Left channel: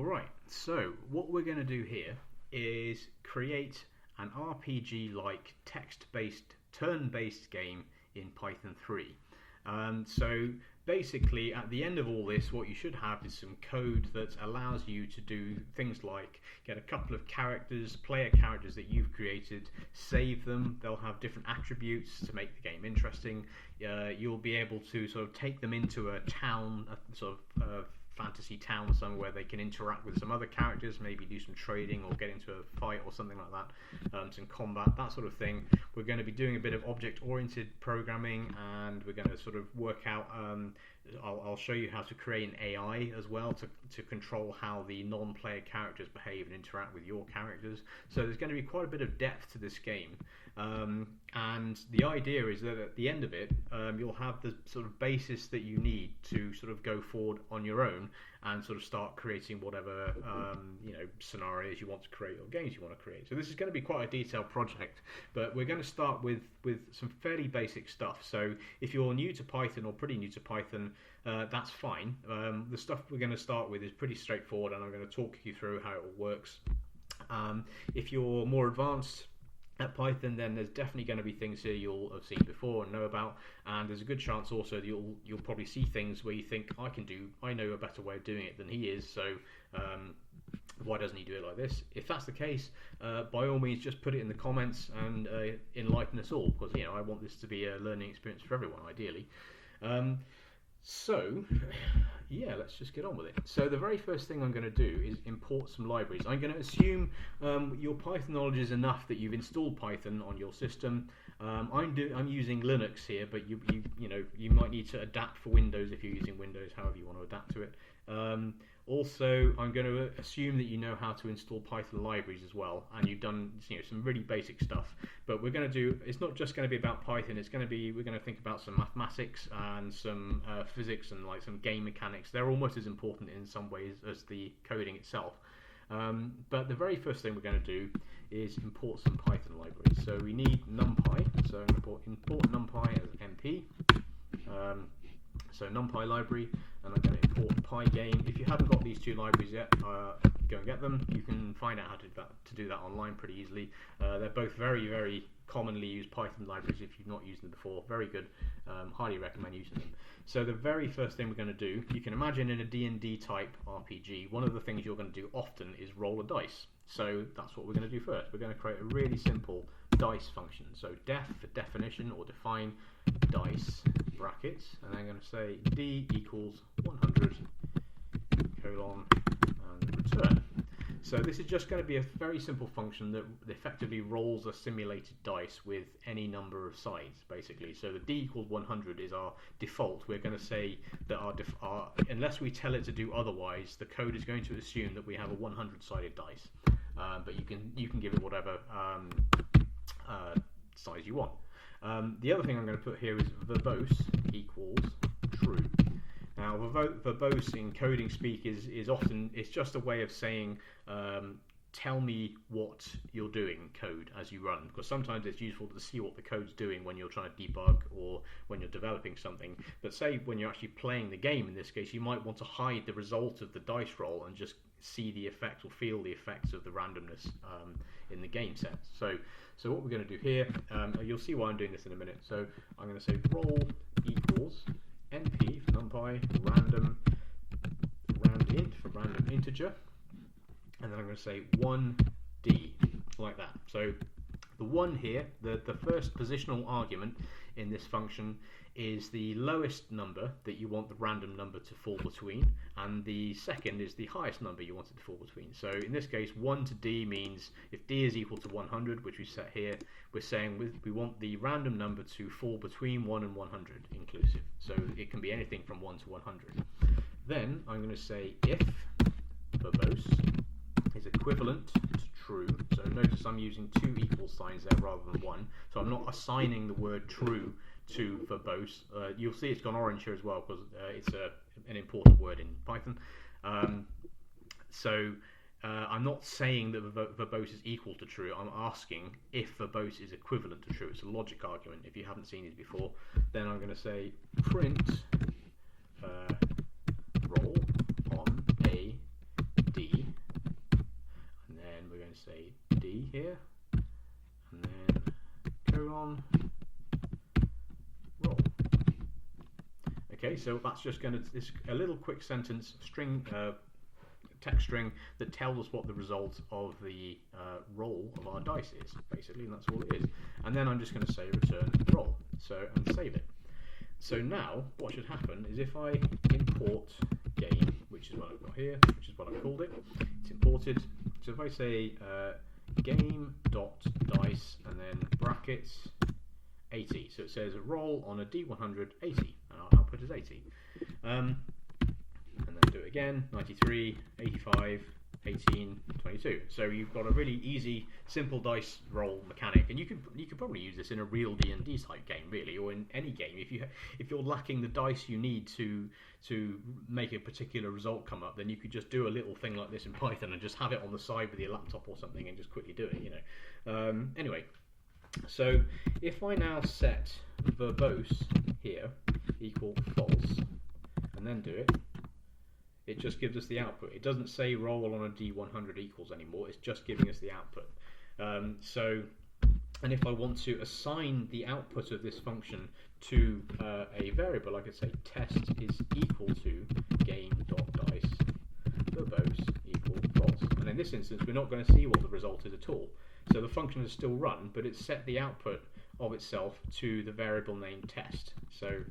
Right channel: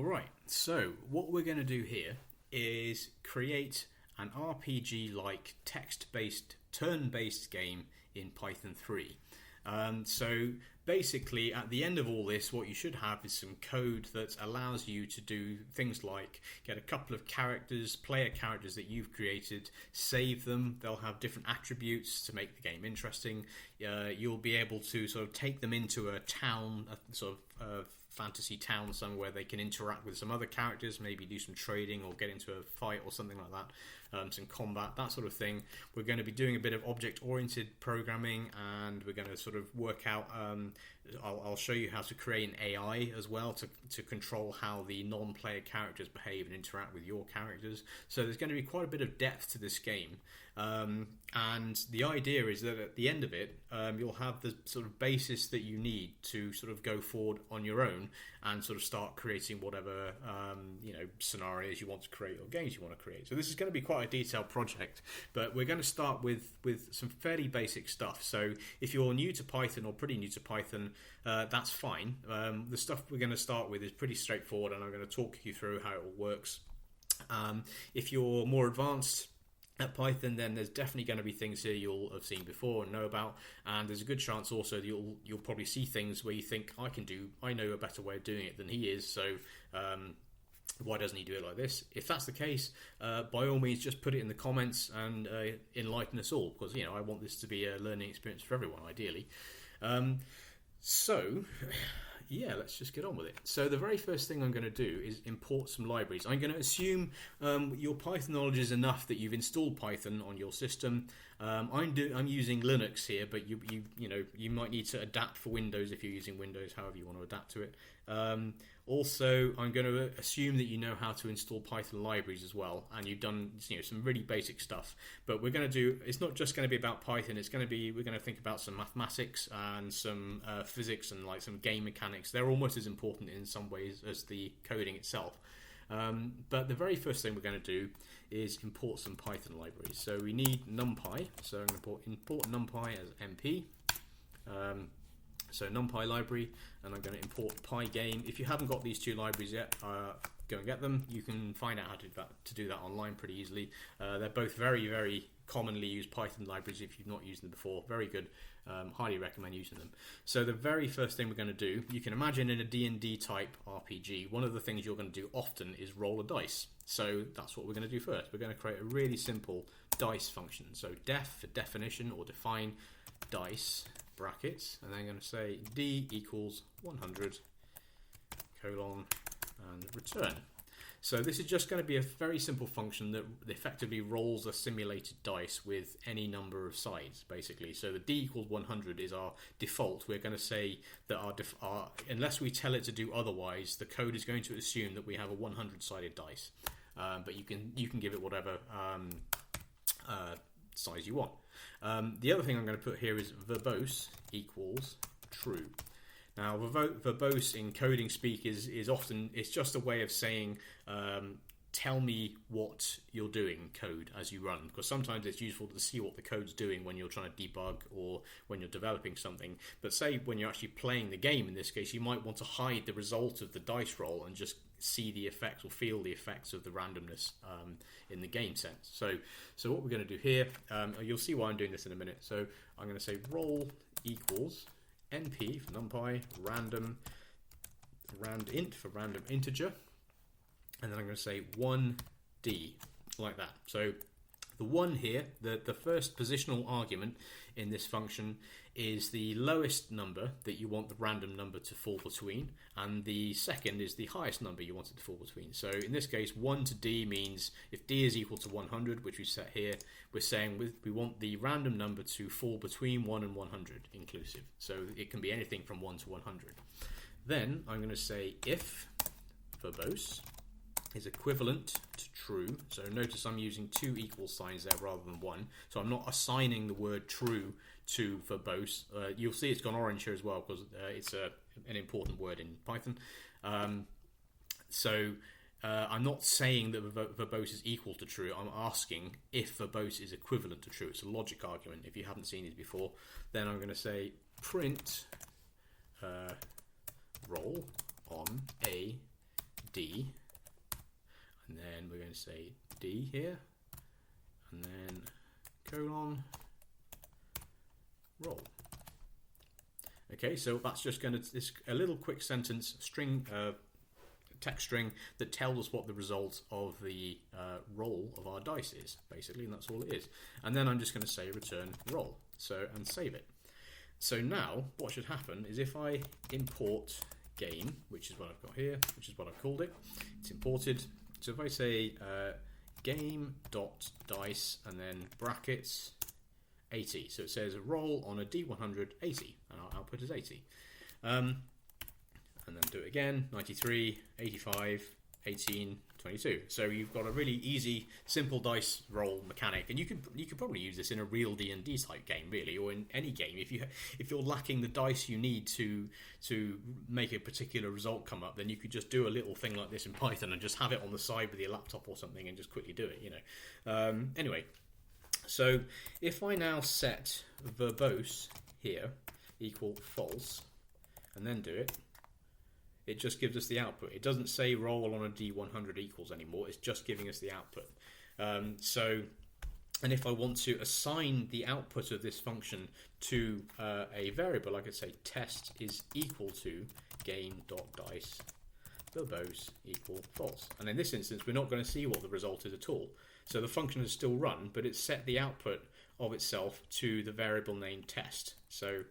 Alright, so what we're going to do here is create an RPG-like text-based, turn-based game in Python 3. So basically, at the end of all this, what you should have is some code that allows you to do things like get a couple of characters, player characters that you've created, save them. They'll have different attributes to make the game interesting. You'll be able to sort of take them into a town, a sort of fantasy town somewhere where they can interact with some other characters, maybe do some trading or get into a fight or something like that, some combat, that sort of thing. We're going to be doing a bit of object-oriented programming, and we're going to sort of work out, I'll show you how to create an AI as well to control how the non-player characters behave and interact with your characters. So there's going to be quite a bit of depth to this game. And the idea is that at the end of it, you'll have the sort of basis that you need to sort of go forward on your own and sort of start creating whatever scenarios you want to create or games you want to create. So this is going to be quite a detailed project, but we're going to start with some fairly basic stuff. So if you're new to Python or pretty new to Python, that's fine. The stuff we're going to start with is pretty straightforward, and I'm going to talk you through how it all works. If you're more advanced at Python, then there's definitely going to be things here you'll have seen before and know about, and there's a good chance also that you'll probably see things where you think, I know a better way of doing it than he is, so why doesn't he do it like this? If that's the case, by all means just put it in the comments and enlighten us all, because I want this to be a learning experience for everyone, ideally. So yeah, let's just get on with it. So the very first thing I'm going to do is import some libraries. I'm going to assume your Python knowledge is enough that you've installed Python on your system. I'm using Linux here, but you might need to adapt for Windows if you're using Windows, however you want to adapt to it. Also, I'm going to assume that you know how to install Python libraries as well, and you've done some really basic stuff. But we're going to do, it's not just going to be about Python. We're going to think about some mathematics and some physics and like some game mechanics. They're almost as important in some ways as the coding itself. But the very first thing we're going to do is import some Python libraries. So we need NumPy. So I'm going to import NumPy as NP. So NumPy library, and I'm going to import Pygame. If you haven't got these two libraries yet, go and get them. You can find out how to do that online pretty easily. They're both very, very commonly used Python libraries if you've not used them before. Very good. Highly recommend using them. So the very first thing we're going to do, you can imagine in a D&D type RPG, one of the things you're going to do often is roll a dice. So that's what we're going to do first. We're going to create a really simple dice function. So def for definition or define dice brackets, and then I'm going to say d equals 100 colon and return. So this is just going to be a very simple function that effectively rolls a simulated dice with any number of sides, basically. So the d equals 100 is our default. We're going to say that unless we tell it to do otherwise, the code is going to assume that we have a 100-sided dice. But you can give it whatever size you want. The other thing I'm going to put here is verbose equals true. Now, verbose in coding speak is often, it's just a way of saying, tell me what you're doing, code, as you run. Because sometimes it's useful to see what the code's doing when you're trying to debug or when you're developing something. But say when you're actually playing the game, in this case, you might want to hide the result of the dice roll and just see the effects or feel the effects of the randomness in the game sense. So what we're going to do here, you'll see why I'm doing this in a minute. So I'm going to say roll equals np for numpy, randint for random integer, and then I'm going to say 1d, like that. So the 1 here, the first positional argument in this function is the lowest number that you want the random number to fall between, and the second is the highest number you want it to fall between. So in this case, 1 to d means if d is equal to 100, which we set here, we're saying we want the random number to fall between 1 and 100 inclusive. So it can be anything from 1 to 100. Then I'm going to say if verbose is equivalent to true. So notice I'm using two equal signs there rather than one. So I'm not assigning the word true to verbose. You'll see it's gone orange here as well because it's an important word in Python. I'm not saying that verbose is equal to true. I'm asking if verbose is equivalent to true. It's a logic argument. If you haven't seen these before, then I'm going to say print roll on a d say D here, and then colon, roll. Okay, so that's just going to, this a little quick sentence string, text string that tells us what the result of the roll of our dice is, basically, and that's all it is. And then I'm just going to say return roll, and save it. So now what should happen is if I import game, which is what I've got here, which is what I've called it, it's imported. So if I say game.dice and then brackets 80, so it says roll on a D100 80, and our output is 80. And then do it again, 93, 85, 18, 22. So you've got a really easy, simple dice roll mechanic, and you could probably use this in a real D&D type game, really, or in any game. If you're lacking the dice you need to make a particular result come up, then you could just do a little thing like this in Python and just have it on the side with your laptop or something and just quickly do it. Anyway, so if I now set verbose here equal false, and then do it, it just gives us the output. It doesn't say roll on a D100 equals anymore. It's just giving us the output. And if I want to assign the output of this function to a variable, I could say test is equal to game.dice verbose equal false. And in this instance, we're not going to see what the result is at all. So the function is still run, but it's set the output of itself to the variable named test. So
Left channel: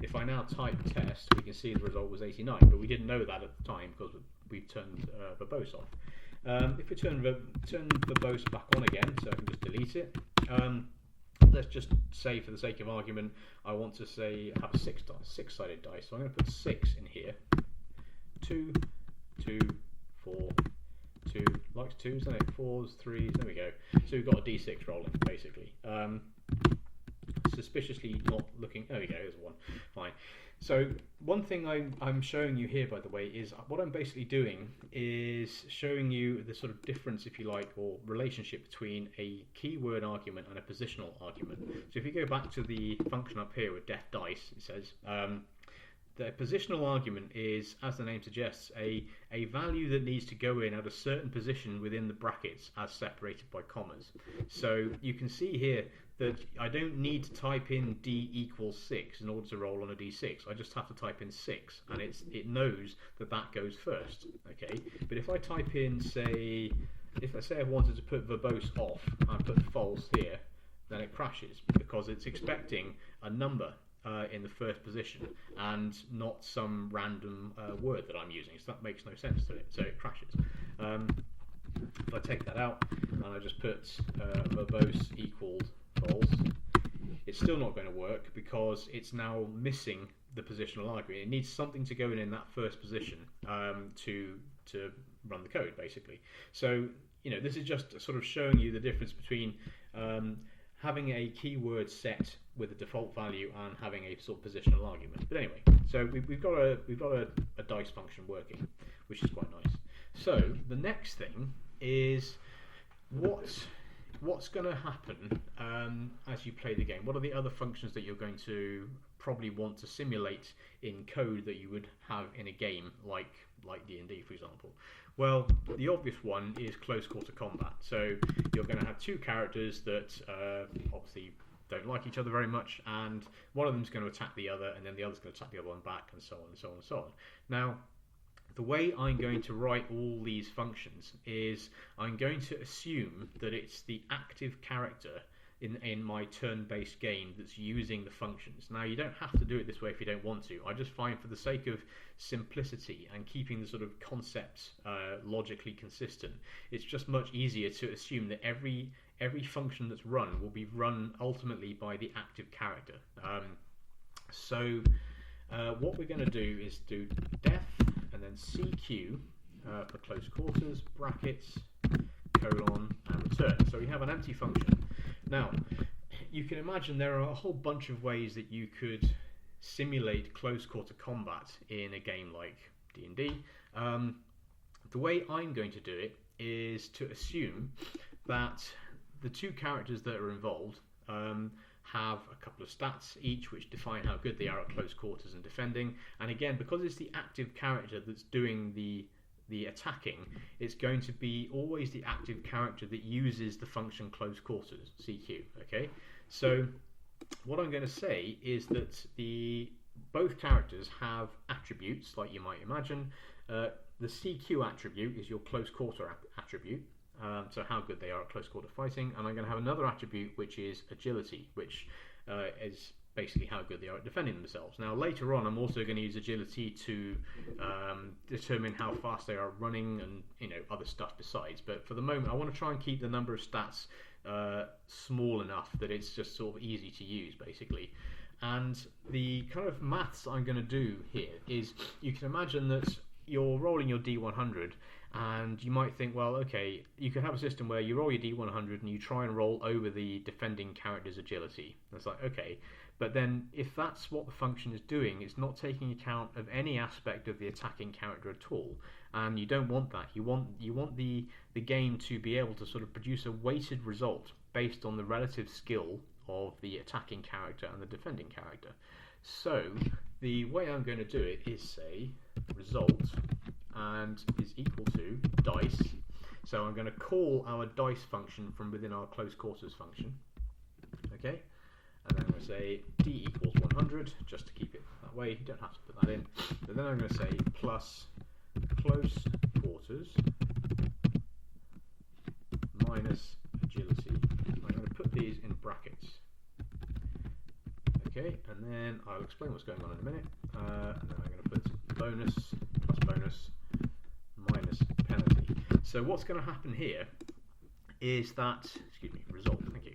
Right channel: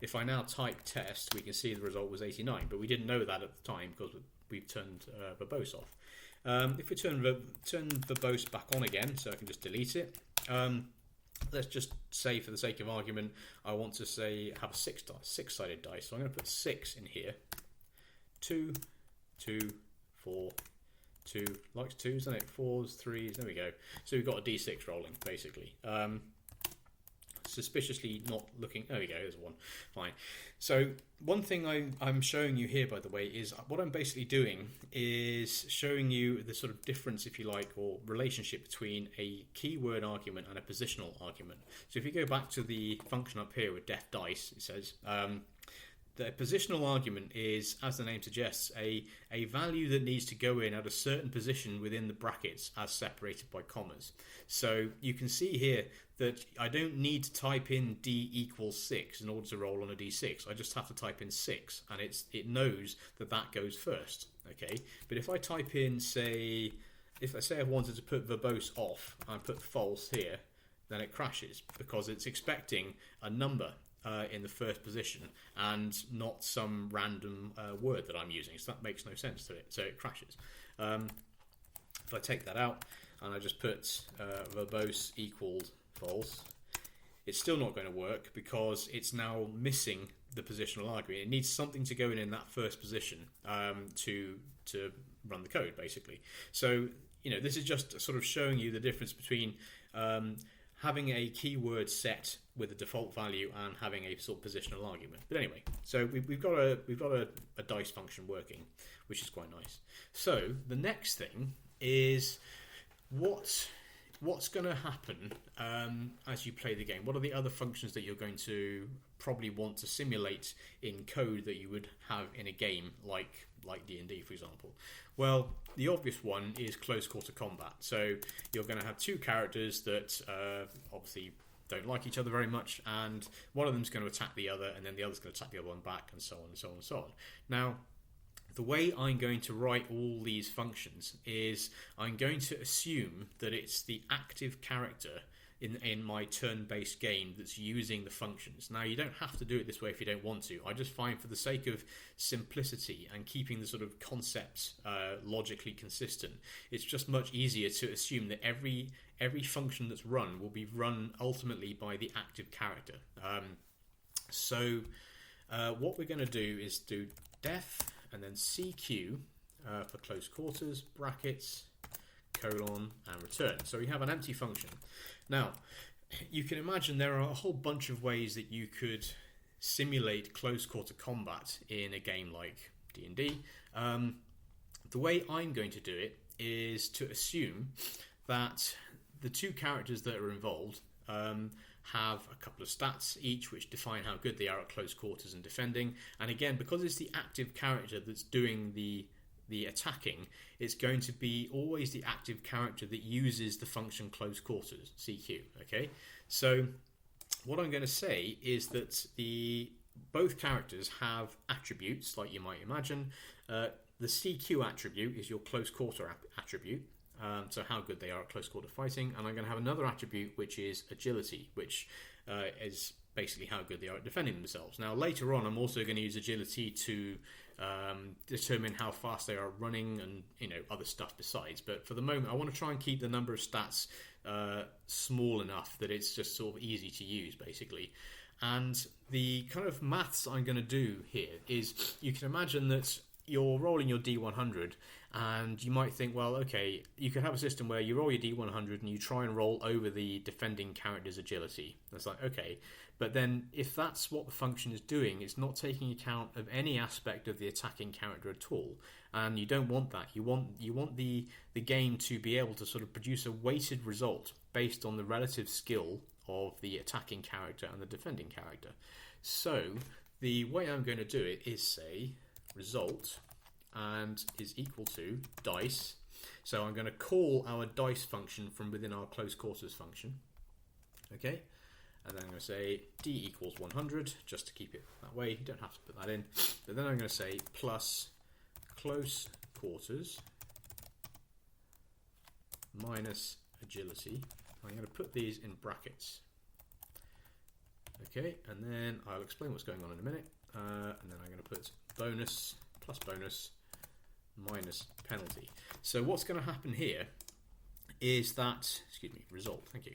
if I now type test, we can see the result was 89, but we didn't know that at the time because we've turned verbose off. If we turn verbose back on again, so I can just delete it, let's just say, for the sake of argument, I want to say have a six-sided dice. So I'm going to put 6 in here. 2, 2, 4, 2, likes 2s, isn't it? 4s, 3s, there we go. So we've got a D6 rolling, basically. Suspiciously not looking, there we go, there's 1, fine. So one thing I'm showing you here, by the way, is what I'm basically doing is showing you the sort of difference, if you like, or relationship between a keyword argument and a positional argument. So if you go back to the function up here with def dice, it says the positional argument is, as the name suggests, a value that needs to go in at a certain position within the brackets as separated by commas. So you can see here that I don't need to type in D equals 6 in order to roll on a D6. I just have to type in 6, and it knows that goes first. Okay, but if I type in, say, if I say I wanted to put verbose off and put false here, then it crashes because it's expecting a number in the first position and not some random word that I'm using. So that makes no sense to it. So it crashes. If I take that out and I just put verbose equaled false, it's still not going to work because it's now missing the positional argument. It needs something to go in that first position to run the code, basically. So this is just sort of showing you the difference between having a keyword set with a default value and having a sort of positional argument. But anyway, so we've got a dice function working, which is quite nice. So the next thing is what's going to happen as you play the game. What are the other functions that you're going to probably want to simulate in code that you would have in a game like D&D, for example? Well, the obvious one is close quarter combat. So you're going to have two characters that obviously don't like each other very much, and one of them's going to attack the other, and then the other's going to attack the other one back, and so on and so on and so on. Now, the way I'm going to write all these functions is I'm going to assume that it's the active character in my turn-based game that's using the functions. Now, you don't have to do it this way if you don't want to. I just find, for the sake of simplicity and keeping the sort of concepts logically consistent, it's just much easier to assume that every function that's run will be run ultimately by the active character. So what we're going to do is do def and then CQ for close quarters, brackets, colon, and return. So we have an empty function. Now, you can imagine there are a whole bunch of ways that you could simulate close quarter combat in a game like D&D. The way I'm going to do it is to assume that the two characters that are involved have a couple of stats each which define how good they are at close quarters and defending. And again, because it's the active character that's doing the the attacking, it's going to be always the active character that uses the function close quarters, CQ. Okay, so what I'm going to say is that both characters have attributes, like you might imagine. The CQ attribute is your close quarter attribute, so how good they are at close quarter fighting, and I'm going to have another attribute which is agility, which is basically how good they are at defending themselves. Now later on I'm also going to use agility to determine how fast they are running and other stuff besides, but for the moment I want to try and keep the number of stats small enough that it's just sort of easy to use basically. And the kind of maths I'm going to do here is, you can imagine that you're rolling your D100 and you might think, well, okay, you can have a system where you roll your D100 and you try and roll over the defending character's agility. It's like, okay, but then if that's what the function is doing, it's not taking account of any aspect of the attacking character at all, and you don't want that. You want the game to be able to sort of produce a weighted result based on the relative skill of the attacking character and the defending character. So the way I'm going to do it is say result and is equal to dice. So I'm going to call our dice function from within our close quarters function. Okay, and then I'm going to say d equals 100 just to keep it that way. You don't have to put that in. But then I'm going to say plus close quarters minus agility. I'm going to put these in brackets. Okay, and then I'll explain what's going on in a minute. And then I'm going to put bonus plus bonus minus penalty. So what's going to happen here is that, result, thank you,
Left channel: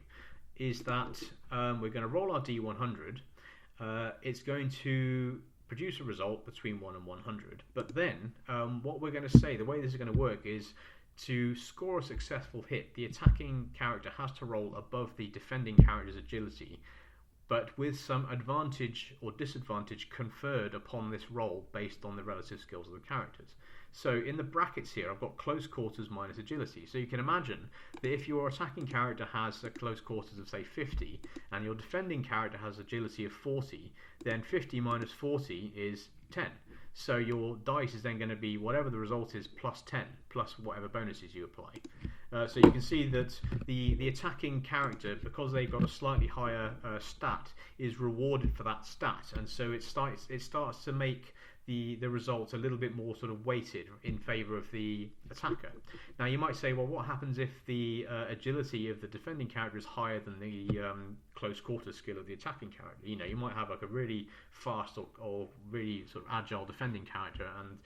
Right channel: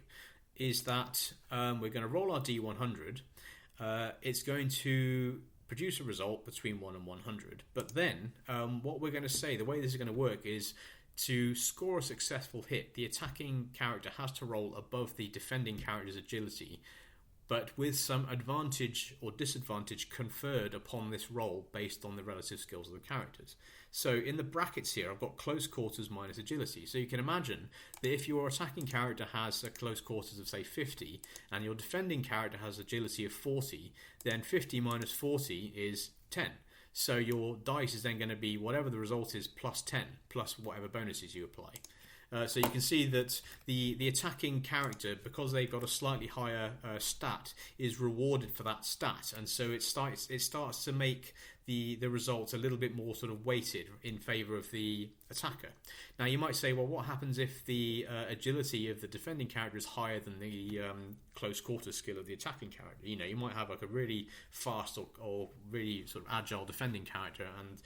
is that we're going to roll our D100. It's going to produce a result between 1 and 100. But then what we're going to say, the way this is going to work is, to score a successful hit, the attacking character has to roll above the defending character's agility, but with some advantage or disadvantage conferred upon this roll based on the relative skills of the characters. So in the brackets here, I've got close quarters minus agility. So you can imagine that if your attacking character has a close quarters of, say, 50, and your defending character has agility of 40, then 50 minus 40 is 10. So your dice is then going to be whatever the result is plus 10, plus whatever bonuses you apply. So you can see that the attacking character, because they've got a slightly higher stat, is rewarded for that stat, and so it starts to make the results a little bit more sort of weighted in favour of the attacker. Now you might say, well, what happens if the agility of the defending character is higher than the close quarters skill of the attacking character? You might have like a really fast or really sort of agile defending character, and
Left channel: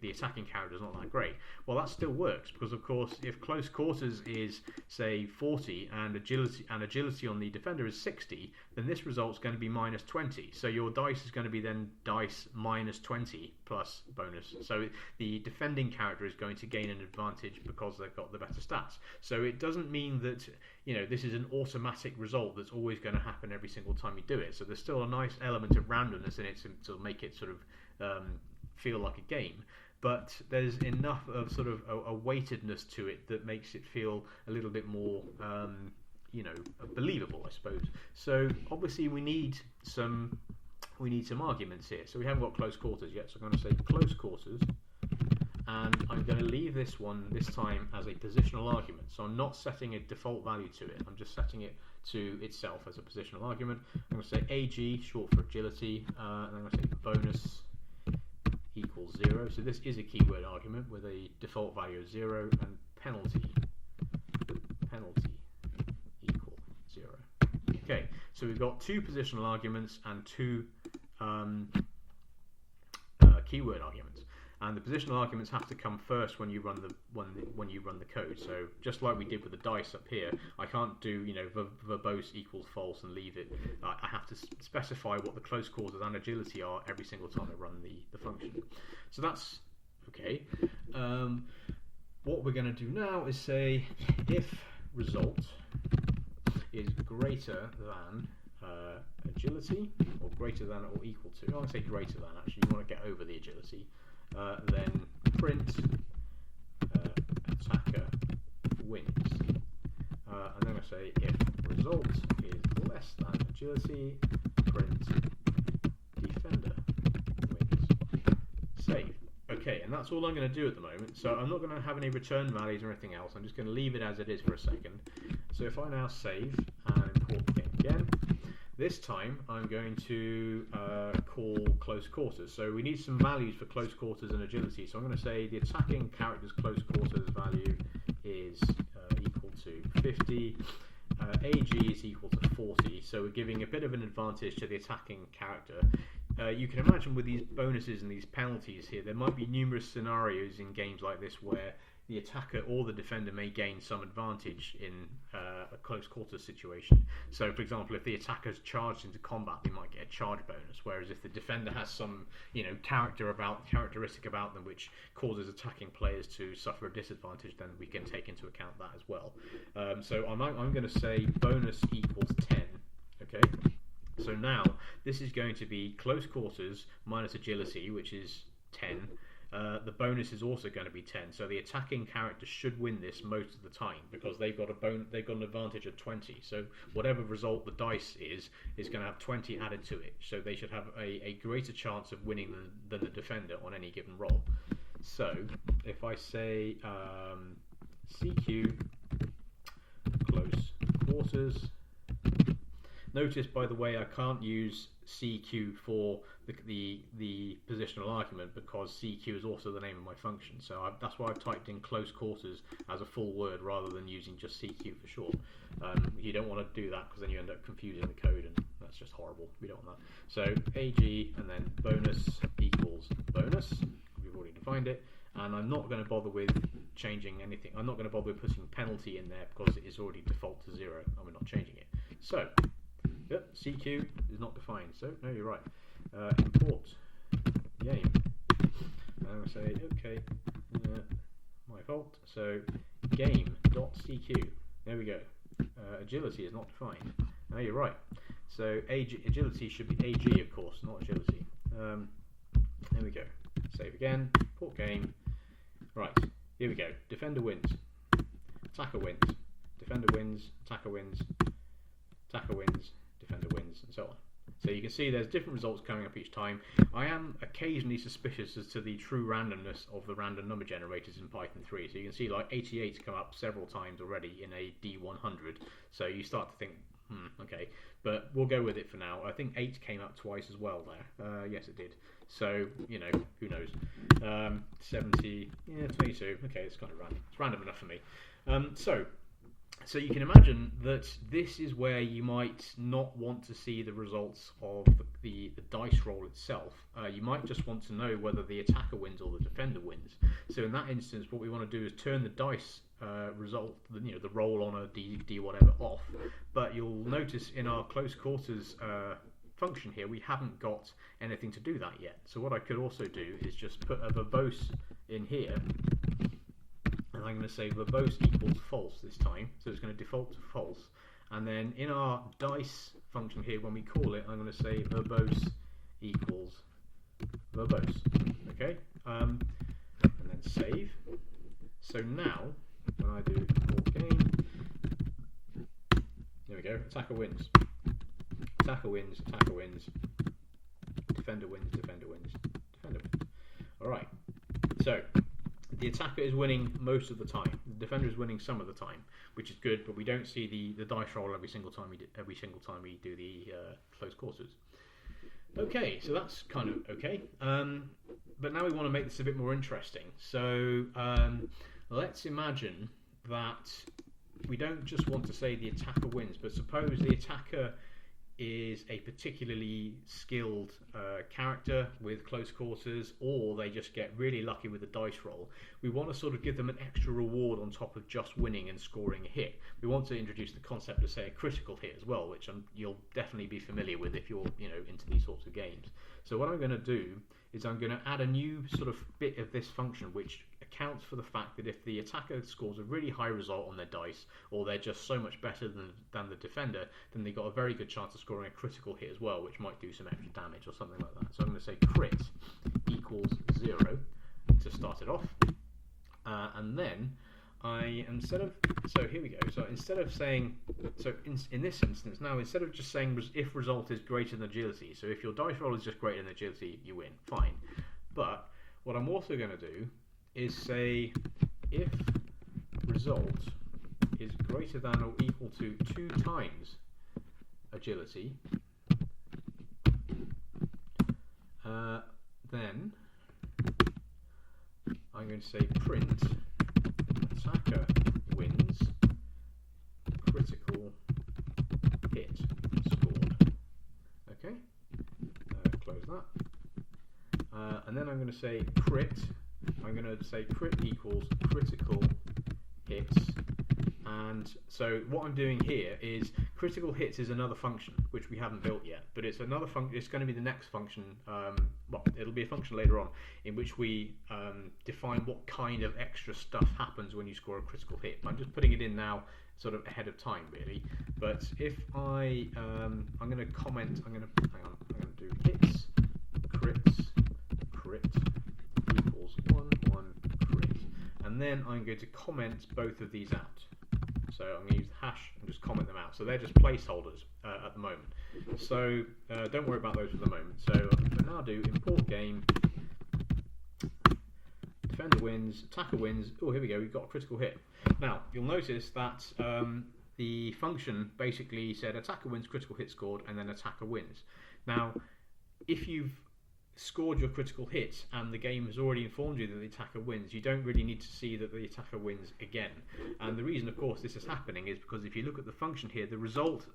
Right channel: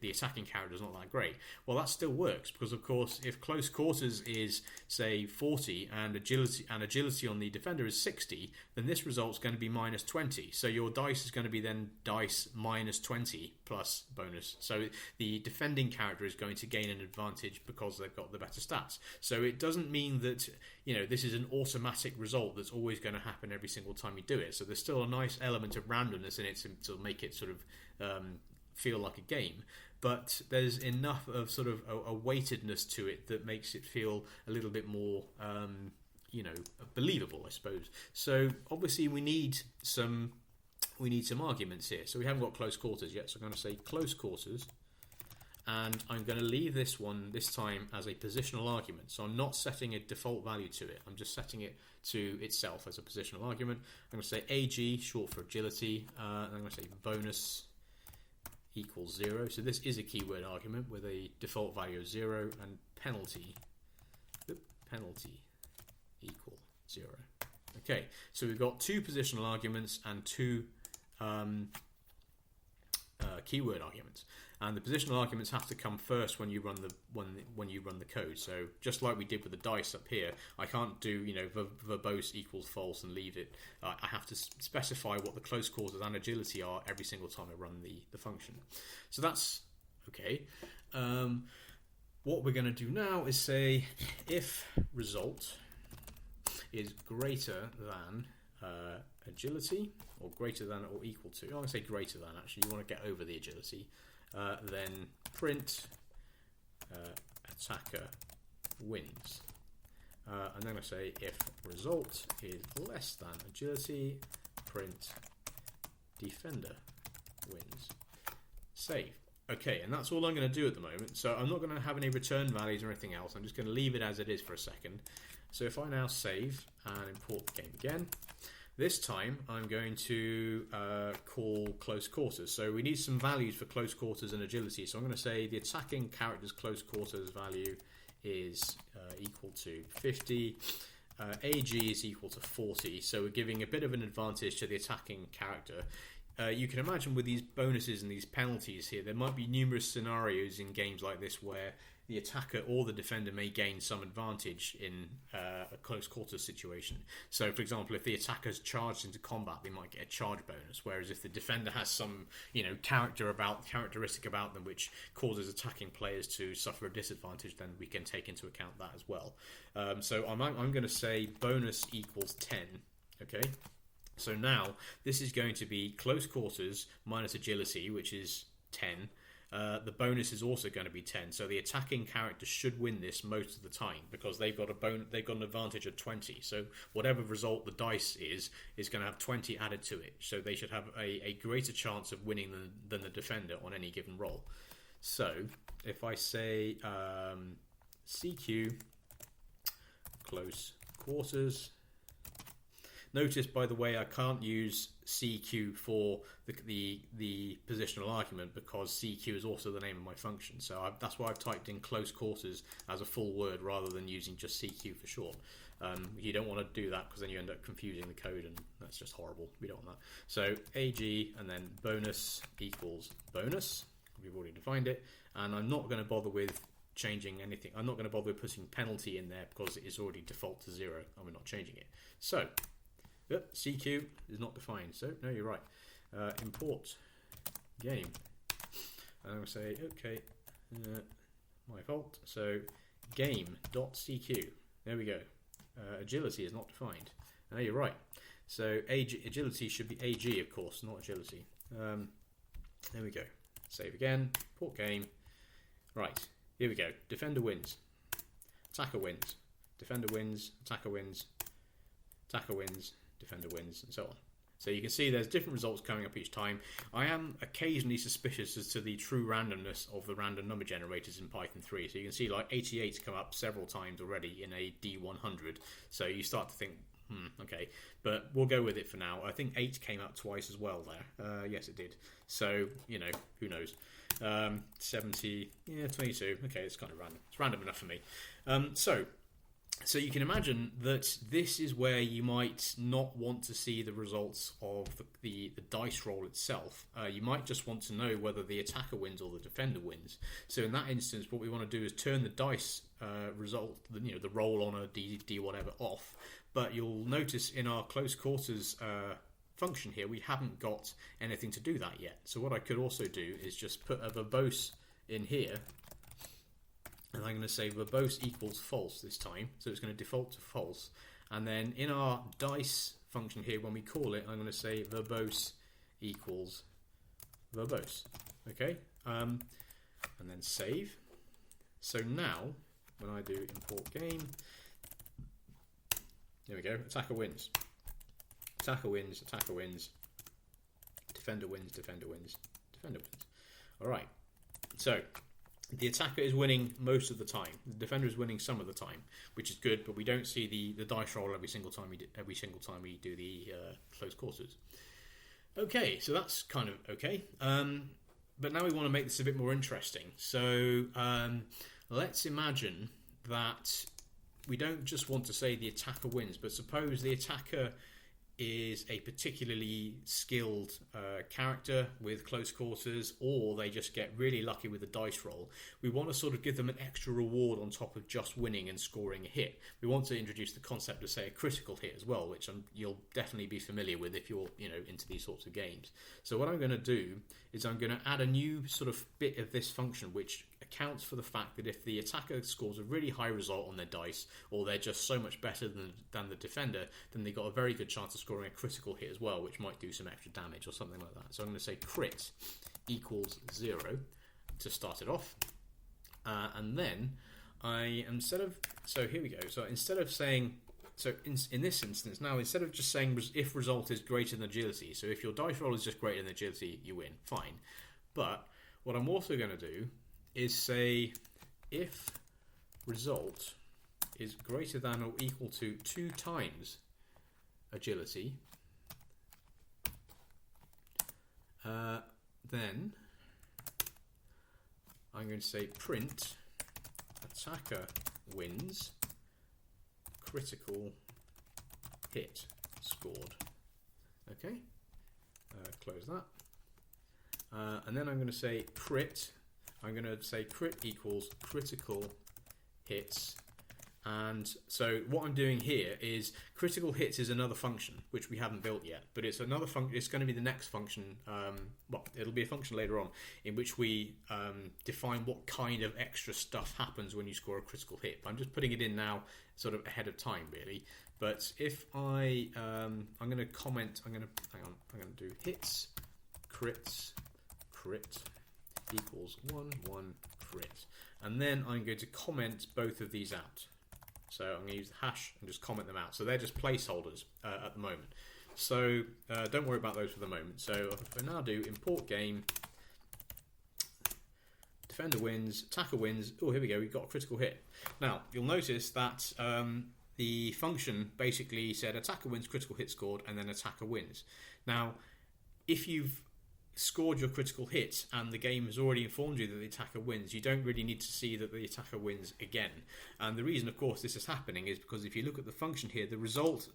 the attacking character is not that great. Well, that still works, because of course if close quarters is, say, 40 and agility on the defender is 60, then this result's going to be minus 20. So your dice is going to be then dice minus 20 plus bonus. So the defending character is going to gain an advantage because they've got the better stats. So it doesn't mean that this is an automatic result that's always going to happen every single time you do it. So there's still a nice element of randomness in it to make it sort of feel like a game. But there's enough of sort of a weightedness to it that makes it feel a little bit more, believable, I suppose. So obviously we need some arguments here. So we haven't got close quarters yet. So I'm going to say close quarters, and I'm going to leave this one this time as a positional argument. So I'm not setting a default value to it. I'm just setting it to itself as a positional argument. I'm going to say AG, short for agility, and I'm going to say bonus equals 0. So this is a keyword argument with a default value of 0, and penalty equal 0. Okay, so we've got two positional arguments and two keyword arguments, and the positional arguments have to come first when you run the code. So just like we did with the dice up here, I can't do verbose equals false and leave it. I have to specify what the close quarters and agility are every single time I run the function. So that's okay. What we're going to do now is say if result is greater than agility, or greater than or equal to, I want to say greater than, actually, you want to get over the agility, then print attacker wins. And then I say if result is less than agility, print defender wins. Save. Okay, and that's all I'm going to do at the moment. So I'm not going to have any return values or anything else. I'm just going to leave it as it is for a second. So if I now save and import the game again, this time I'm going to call close quarters. So we need some values for close quarters and agility. So I'm going to say the attacking character's close quarters value is equal to 50. AG is equal to 40. So we're giving a bit of an advantage to the attacking character. You can imagine with these bonuses and these penalties here, there might be numerous scenarios in games like this where the attacker or the defender may gain some advantage in a close quarters situation. So, for example, if the attacker's charged into combat, they might get a charge bonus. Whereas if the defender has some, characteristic about them which causes attacking players to suffer a disadvantage, then we can take into account that as well. So I'm going to say bonus equals 10. Okay. So now this is going to be close quarters minus agility, which is 10. The bonus is also going to be 10. So the attacking character should win this most of the time because they've got an advantage of 20. So whatever result the dice is going to have 20 added to it. So they should have a greater chance of winning than the defender on any given roll. So if I say CQ close quarters. Notice, by the way, I can't use CQ for the positional argument because CQ is also the name of my function. So that's why I've typed in close quarters as a full word rather than using just CQ for short. You don't want to do that because then you end up confusing the code and that's just horrible. We don't want that. So AG and then bonus equals bonus. We've already defined it. And I'm not going to bother with changing anything. I'm not going to bother with putting penalty in there because it is already default to 0 and we're not changing it. So yep, CQ is not defined, so no, you're right. Import game. And I'm going to say, okay, my fault. So game.cq. There we go. Agility is not defined. No, you're right. So agility should be AG, of course, not agility. There we go. Save again. Import game. Right, here we go. Defender wins. Attacker wins. Defender wins. Attacker wins. Attacker wins. Defender wins, and so on. So you can see there's different results coming up each time. I am occasionally suspicious as to the true randomness of the random number generators in Python 3. So you can see like 88 come up several times already in a D100. So you start to think, okay. But we'll go with it for now. I think 8 came up twice as well there. Yes, it did. So, who knows. 70, 22. Okay, it's kind of random. It's random enough for me. So you can imagine that this is where you might not want to see the results of the dice roll itself. You might just want to know whether the attacker wins or the defender wins. So in that instance, what we want to do is turn the dice result, the roll on a D whatever off. But you'll notice in our close quarters function here, we haven't got anything to do that yet. So what I could also do is just put a verbose in here. And I'm going to say verbose equals false this time. So it's going to default to false. And then in our dice function here, when we call it, I'm going to say verbose equals verbose. Okay? And then save. So now, when I do import game, there we go. Attacker wins. Attacker wins. Attacker wins. Defender wins. Defender wins. Defender wins. All right. So the attacker is winning most of the time. The defender is winning some of the time, which is good. But we don't see the dice roll every single time we do the close quarters. Okay, so that's kind of okay. But now we want to make this a bit more interesting. So let's imagine that we don't just want to say the attacker wins, but suppose the attacker is a particularly skilled character with close quarters, or they just get really lucky with the dice roll. We want to sort of give them an extra reward on top of just winning and scoring a hit. We want to introduce the concept of, say, a critical hit as well, which you'll definitely be familiar with if you're into these sorts of games. So what I'm going to do is I'm going to add a new sort of bit of this function which accounts for the fact that if the attacker scores a really high result on their dice, or they're just so much better than the defender, then they've got a very good chance of scoring a critical hit as well, which might do some extra damage or something like that. So I'm going to say crit equals 0 to start it off. And then here we go. So instead of saying, in this instance now, instead of just saying if result is greater than agility, so if your dice roll is just greater than agility, you win, fine. But what I'm also going to do is say if result is greater than or equal to 2 times agility, then I'm going to say print attacker wins critical hit scored. Okay, close that. And then I'm going to say crit. I'm going to say crit equals critical hits. And so what I'm doing here is critical hits is another function which we haven't built yet, but it's another function. It's going to be the next function. Well, it'll be a function later on in which we define what kind of extra stuff happens when you score a critical hit. I'm just putting it in now, sort of ahead of time, really. But if I'm going to comment. I'm going to do hits crits crit equals 1 1 crit, and then I'm going to comment both of these out. So I'm going to use the hash and just comment them out. So they're just placeholders at the moment. So don't worry about those for the moment. So for now, do import game, defender wins, attacker wins. Oh, here we go. We've got a critical hit. Now you'll notice that the function basically said attacker wins, critical hit scored, and then attacker wins. Now, if you've scored your critical hit and the game has already informed you that the attacker wins, you don't really need to see that the attacker wins again. And the reason, of course, this is happening is because if you look at the function here, the result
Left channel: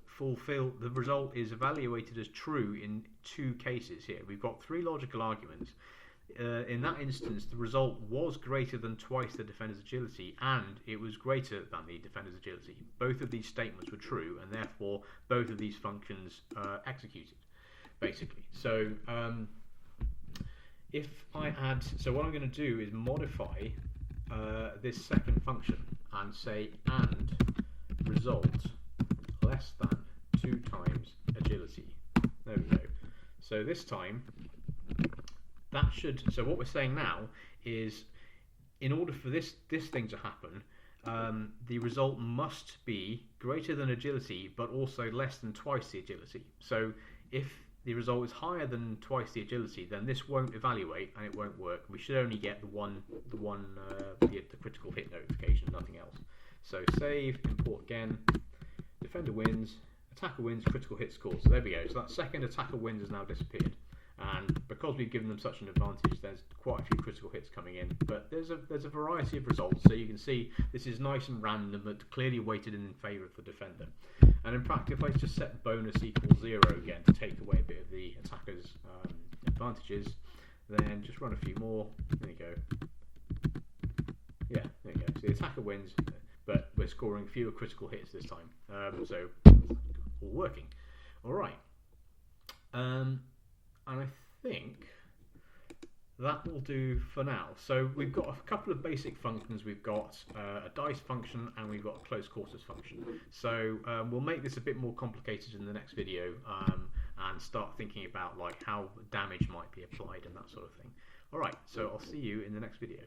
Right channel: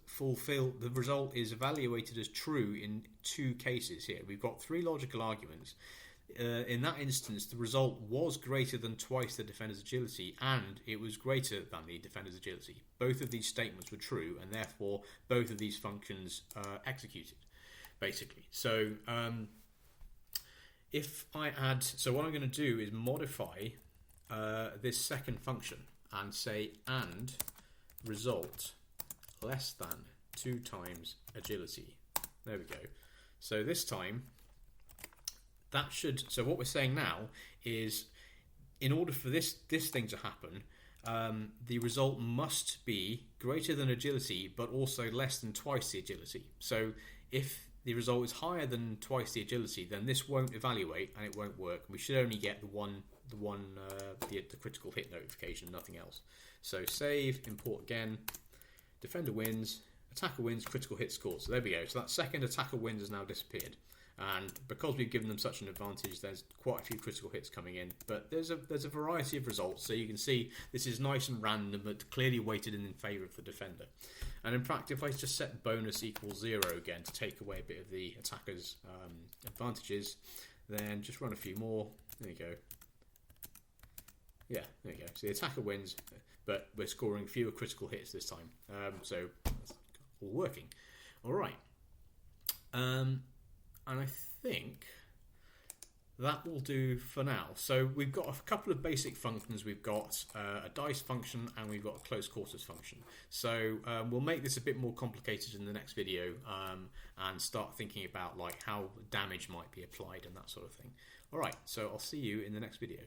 is evaluated as true in 2 cases here. We've got 3 logical arguments. In that instance, the result was greater than twice the defender's agility, and it was greater than the defender's agility. Both of these statements were true, and therefore both of these functions executed, basically. So if I add, so what I'm going to do is modify this second function and say and result less than 2 times agility. There we go. So this time that should, so what we're saying now is in order for this thing to happen, the result must be greater than agility but also less than twice the agility. So if the result is higher than twice the agility, then this won't evaluate and it won't work. We should only get the critical hit notification, nothing else. So save, import again, defender wins, attacker wins, critical hit score. So there we go. So that second attacker wins has now disappeared. And because we've given them such an advantage, there's quite a few critical hits coming in. But there's a variety of results. So you can see this is nice and random, but clearly weighted in favour of the defender. And in fact, if I just set bonus equals 0 again to take away a bit of the attacker's advantages, then just run a few more. There you go. Yeah, there you go. So the attacker wins, but we're scoring fewer critical hits this time. So all working. All right. And I think that will do for now. So we've got a couple of basic functions. We've got a dice function and we've got a close quarters function. So we'll make this a bit more complicated in the next video and start thinking about like how damage might be applied and that sort of thing. All right, so I'll see you in the next video.